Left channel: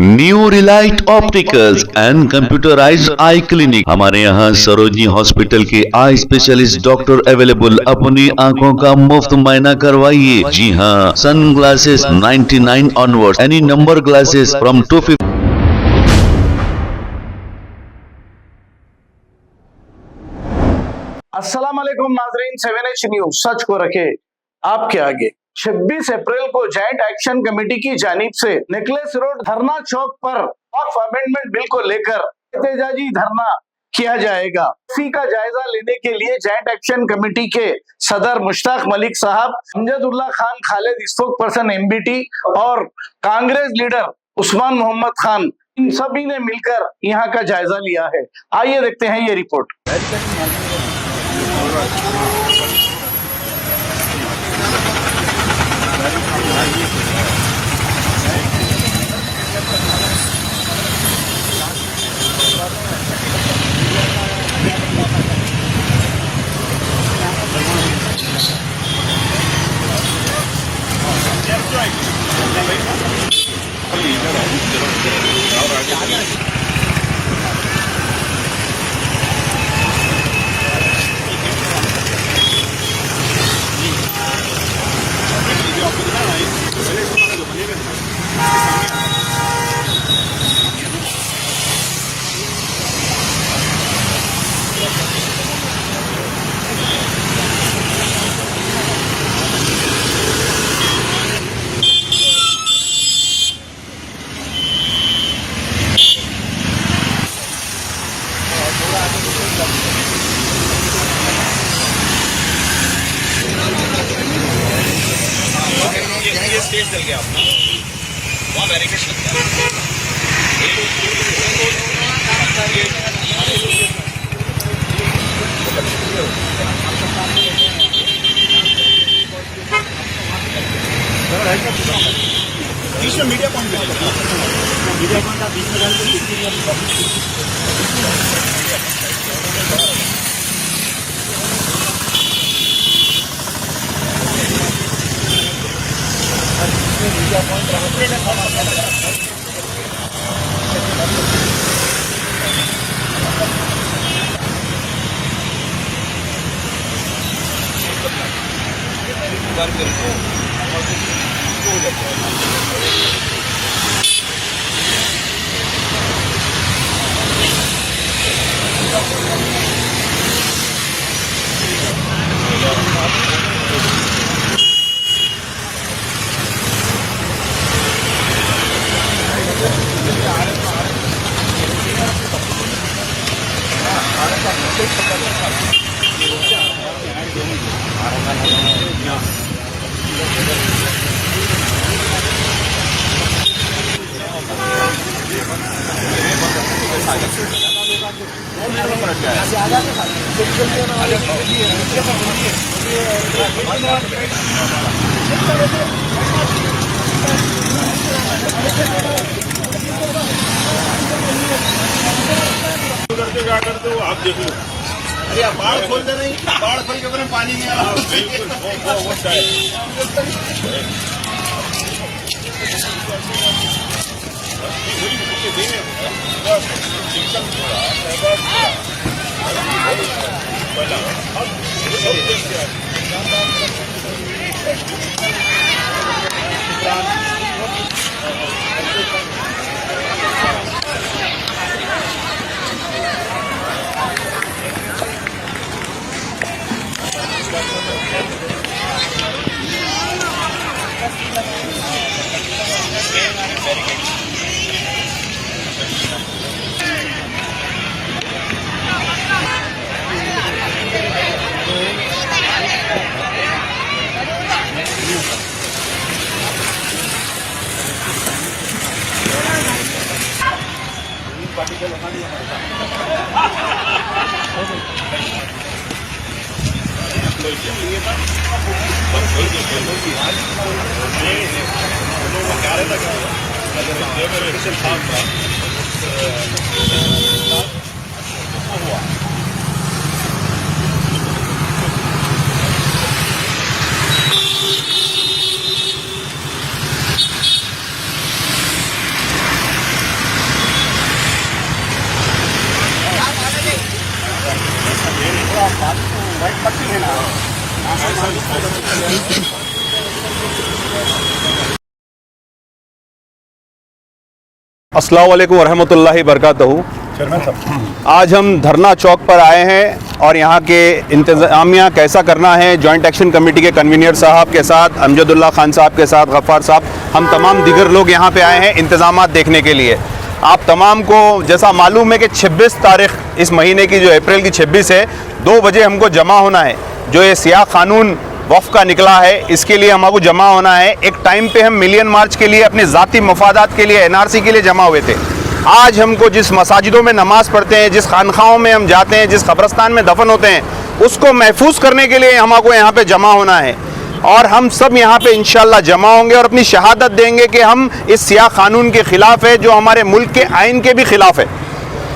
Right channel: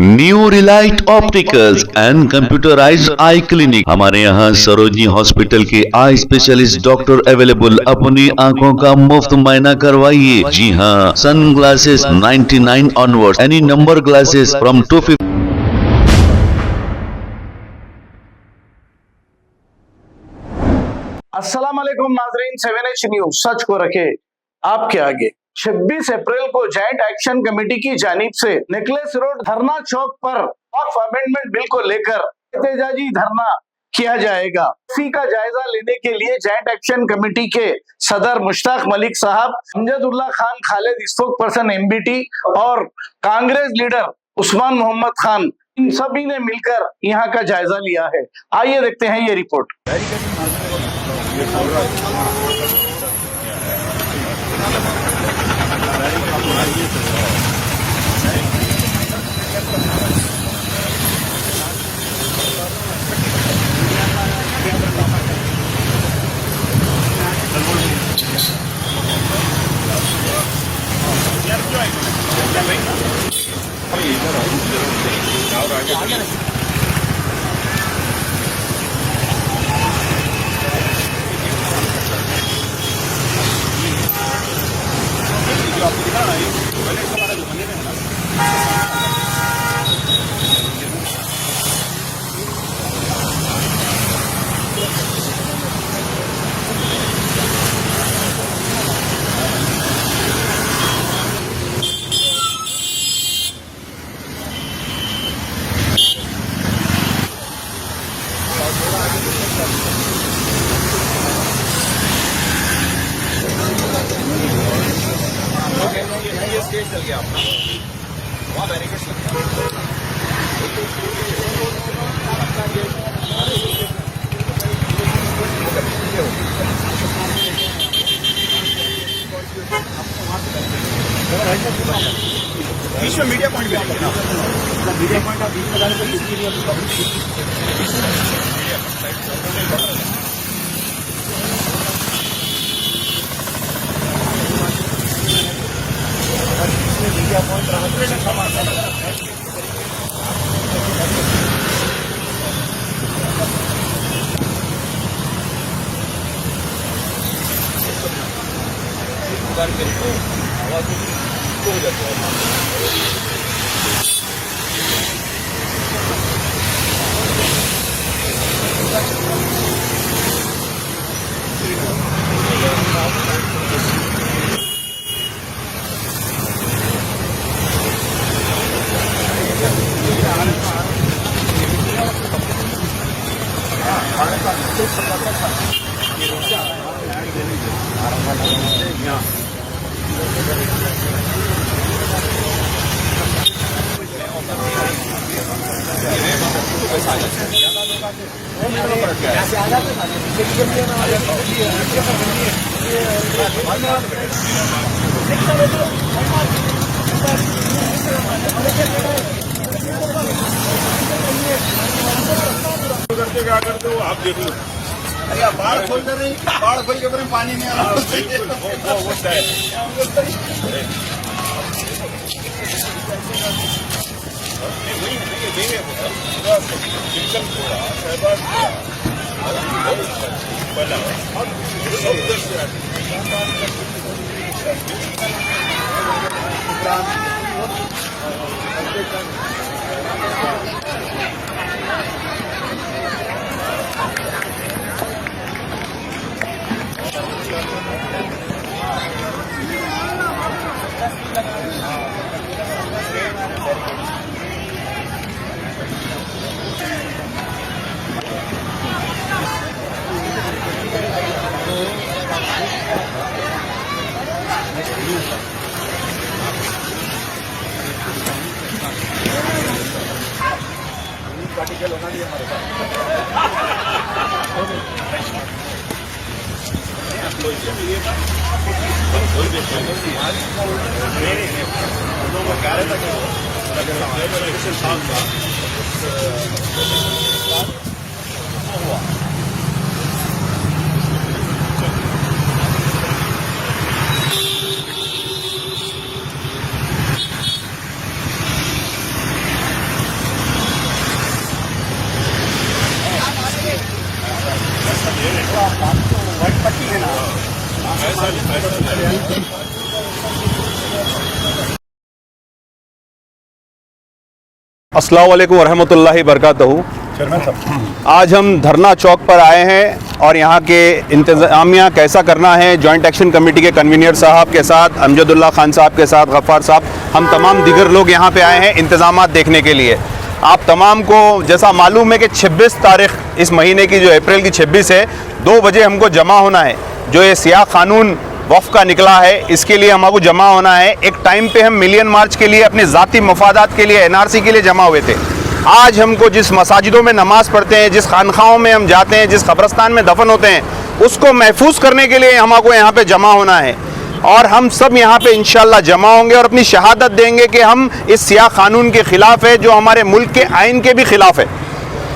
New Relight Opticals and computerised eye clinic. हमारे यहाँ Sarojini hospital के आई स्पेशलिस्ट डॉक्टर अवेलेबल। अपनी आंखों का मुफ्त मायना करवाइए। जी हाँ, sun glasses 99 onward, any number glasses from 250। अस्सलाम वालेकुम नाजरीन, 7H न्यूज सच को रखे आपके आगे। 26 अप्रैल को जॉइंट एक्शन कमेटी की जानिब से नेकलेस रोड धरना चौक पर वक्फ अमेंडमेंट बिल को लेकर एहतजाजी धरना किया जाएगा। इसी का जायजा लेने के लिए जॉइंट एक्शन कमेटी के सदर मुश्ताक मलिक साहब, Amjadullah Khan Khalid spoke person MBT और कांग्रेस लीडर उस्मान मोहम्मद खान, इन सभी ने मिलकर यहाँ का जायजा लिया है। आइए देखते हैं ये रिपोर्ट। आप देखो, अरे आप बाढ़ खोलते नहीं, बाढ़ खोल के पानी नहीं आ अस्सलाम वालेकुम वरहमतुल्लाहि बरकातहू। आज हम धरना चौक पर आए हैं और यहाँ के इंतज़ामिया कैसा करना है, जॉइंट एक्शन कमेटी के कन्वीनर साहब के साथ, अमजदुल्ला खान साहब के साथ, गफ़ार साहब, हम तमाम दीगर लोग यहाँ पे आए हैं इंतज़ामात देखने के लिए। आप तमाम को जैसा मालूम है कि 26 तारीख इस महीने की, जो अप्रैल की 26 है, 2 बजे हमको जमा होना है। जो ये सियाह कानून वफ़ का निकला है, इसके लिए हमको जमा होना है। एक टाइम पे हम मिलियन मार्च के लिए अपने ज़ाती मफादात के लिए NRC के लिए जमा हुए थे। आज हमको जिस मसाजिदों में नमाज़ पढ़ते हैं, जिस खानखाहों में हम जाते हैं, जिस कब्रस्तान में दफन होते हैं, उसको महफूज करने के लिए हमको यहाँ पे जमा होना है। और हम सब यहाँ पे इंशाल्लाह जमा होंगे और अपनी शहादत देंगे कि हम इस सियाह कानून के ख़िलाफ़ है, जो हमारे मुल्क के आइन के भी ख़िलाफ़ है।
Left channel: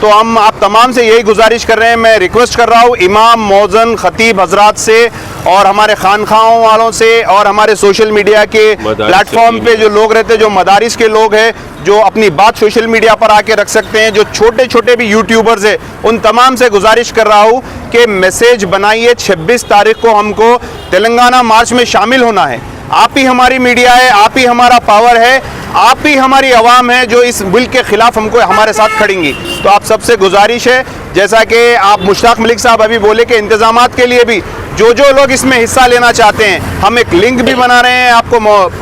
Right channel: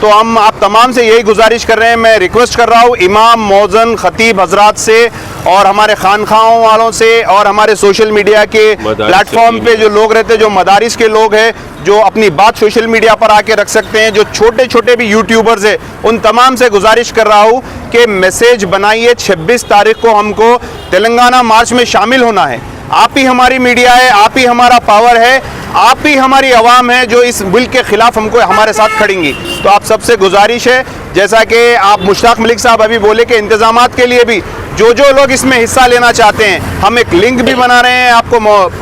तो हम आप तमाम से यही गुजारिश कर रहे हैं, मैं रिक्वेस्ट कर रहा हूँ इमाम, मौज़न, ख़तीब हजरात से और हमारे खानखाहों वालों से और हमारे सोशल मीडिया के प्लेटफॉर्म पे जो लोग रहते हैं, जो मदारिस के लोग हैं, जो अपनी बात सोशल मीडिया पर आके रख सकते हैं, जो छोटे छोटे भी यूट्यूबर्स हैं, उन तमाम से गुजारिश कर रहा हूँ कि मैसेज बनाइए। 26 तारीख को हमको तेलंगाना मार्च में शामिल होना है। आप ही हमारी मीडिया है, आप ही हमारा पावर है, आप ही हमारी आवाम है जो इस मुल्क के ख़िलाफ़ हमको हमारे साथ खड़ेंगी। तो आप सबसे गुजारिश है, जैसा कि आप मुश्ताक मलिक साहब अभी बोले कि इंतज़ामात के लिए भी जो लोग इसमें हिस्सा लेना चाहते हैं, हम एक लिंक भी बना रहे हैं, आपको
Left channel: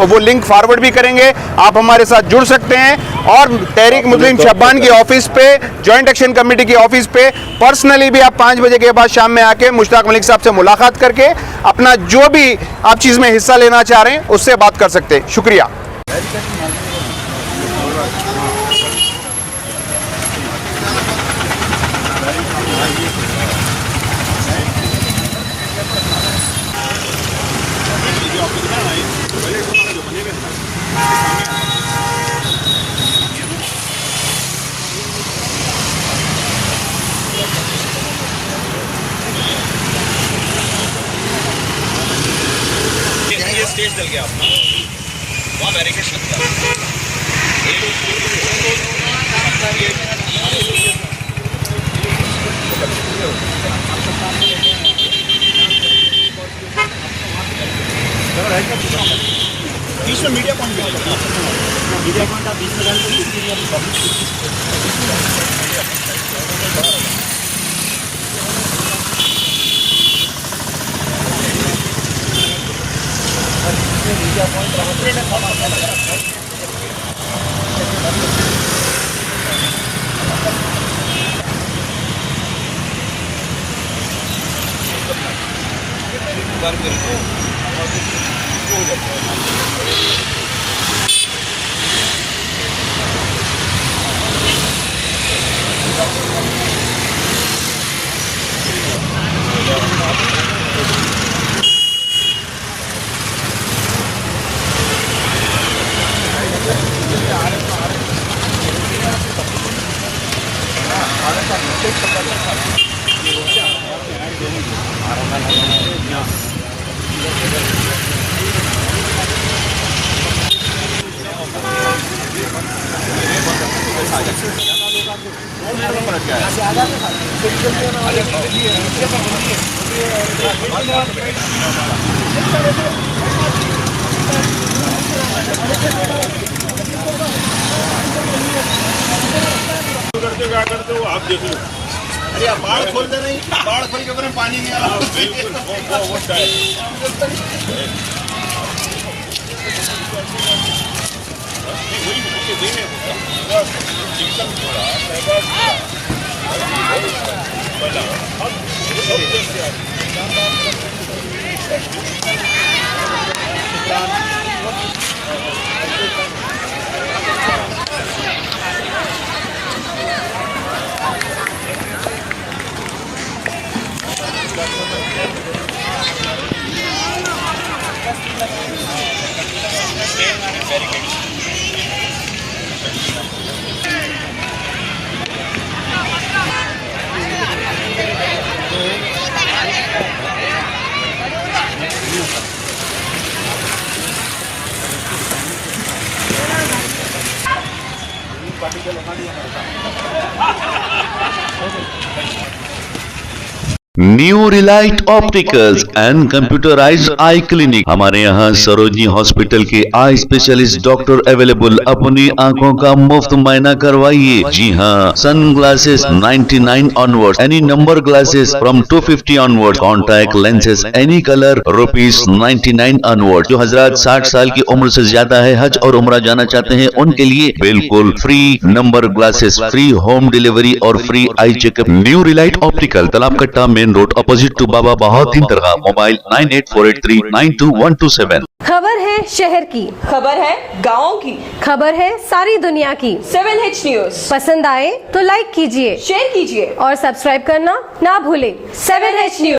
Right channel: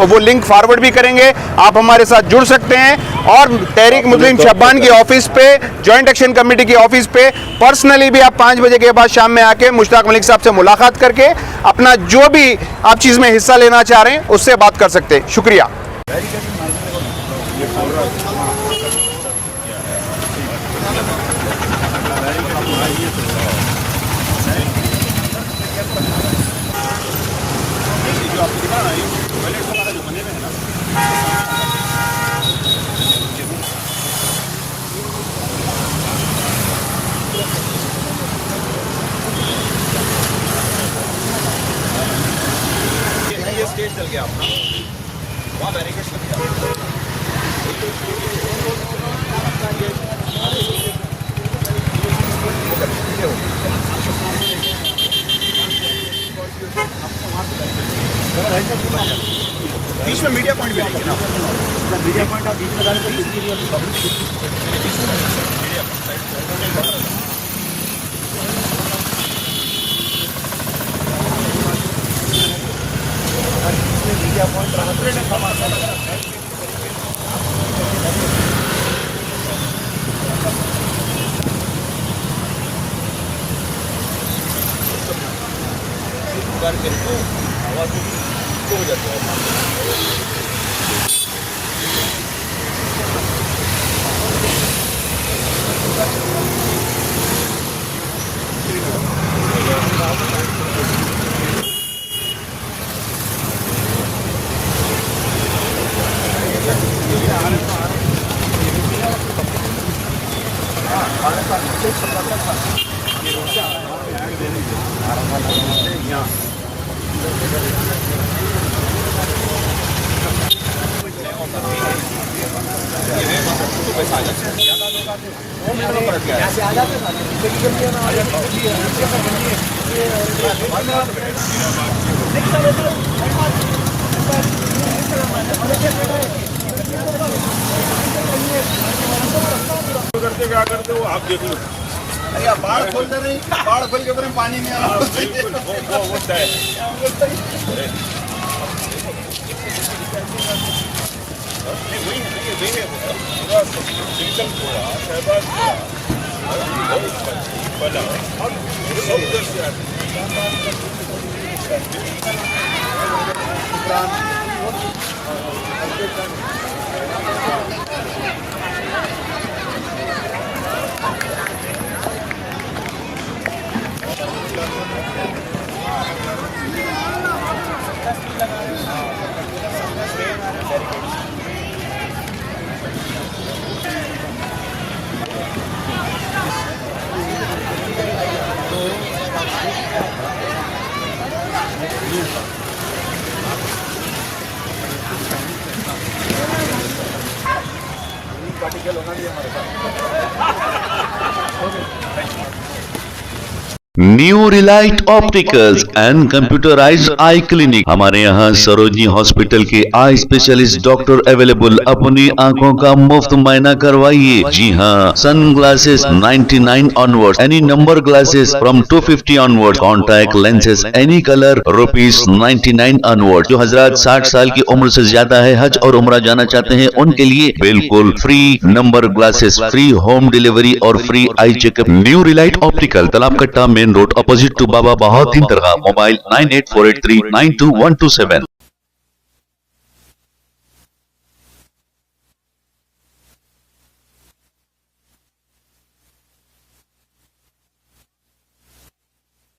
वो लिंक फॉरवर्ड भी करेंगे, आप हमारे साथ जुड़ सकते हैं। और तहरीक मुस्लिम शब्बान की ऑफिस पे, जॉइंट एक्शन कमेटी की ऑफिस पे पर्सनली भी आप 5 बजे के बाद शाम में आके मुश्ताक मलिक साहब से मुलाकात करके अपना जो भी आप चीज़ में हिस्सा लेना चाह रहे हैं उससे बात कर सकते हैं। शुक्रिया। मीडिया पॉइंट भी मीडिया पॉइंट आप बीच में आप देख लो। अरे आप बाढ़ खोलते नहीं, बाढ़ खोल के पूरे पानी में आ New Relight Opticals and computerised eye clinic. हमारे यहाँ सरोजनी हॉस्पिटल के आई स्पेशलिस्ट डॉक्टर अवेलेबल। अपनी आंखों का मुफ्त मुआयना करवाइए। जी हाँ, sun glasses 99 onward, any number glasses from 250 onward, contact lenses any colour ₹99 onward. जो हजरात 60 साल की उम्र से ज्यादा है, हज और उम्रा जाना चाहते हैं, उनके लिए बिल्कुल free number glasses, free home delivery और free eye checkup. New Relight Optical, Talab Katta, main road, opposite to Baba Bahauddin Dargah. Mobile 9848392127। खबर है शहर की, खबर है गाँव की, खबर है सारी दुनिया की। 7H न्यूज पसंद आए तो लाइक कीजिए, शेयर कीजिए और सब्सक्राइब करना ना भूलें। 7H news.